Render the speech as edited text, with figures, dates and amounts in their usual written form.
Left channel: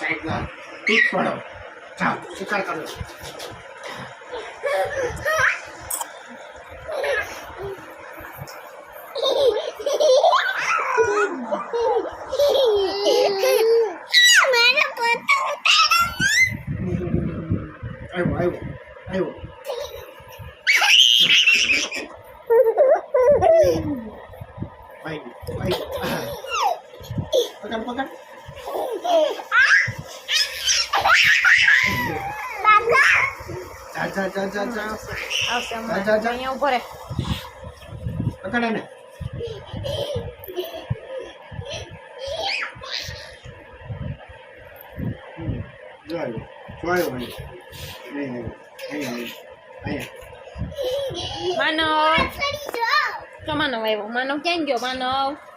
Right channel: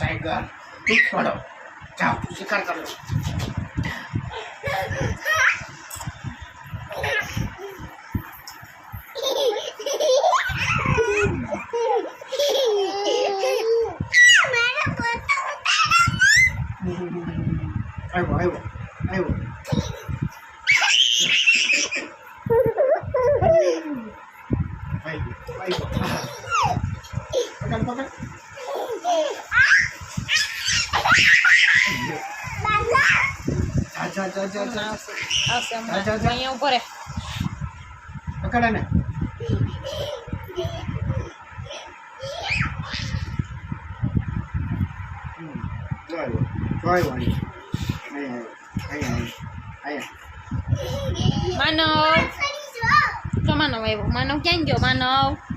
tiger ठीक पड़ो जाओ शिकार कर लो आयो आयो आयो पकड़ पकड़ जा जा जा जा અહીંયા ઉભો રે पकड़ ने आयो आयो आयो आयो માનવ જો માનવ આવ્યો માનવ ક્યાં ગયો માનવ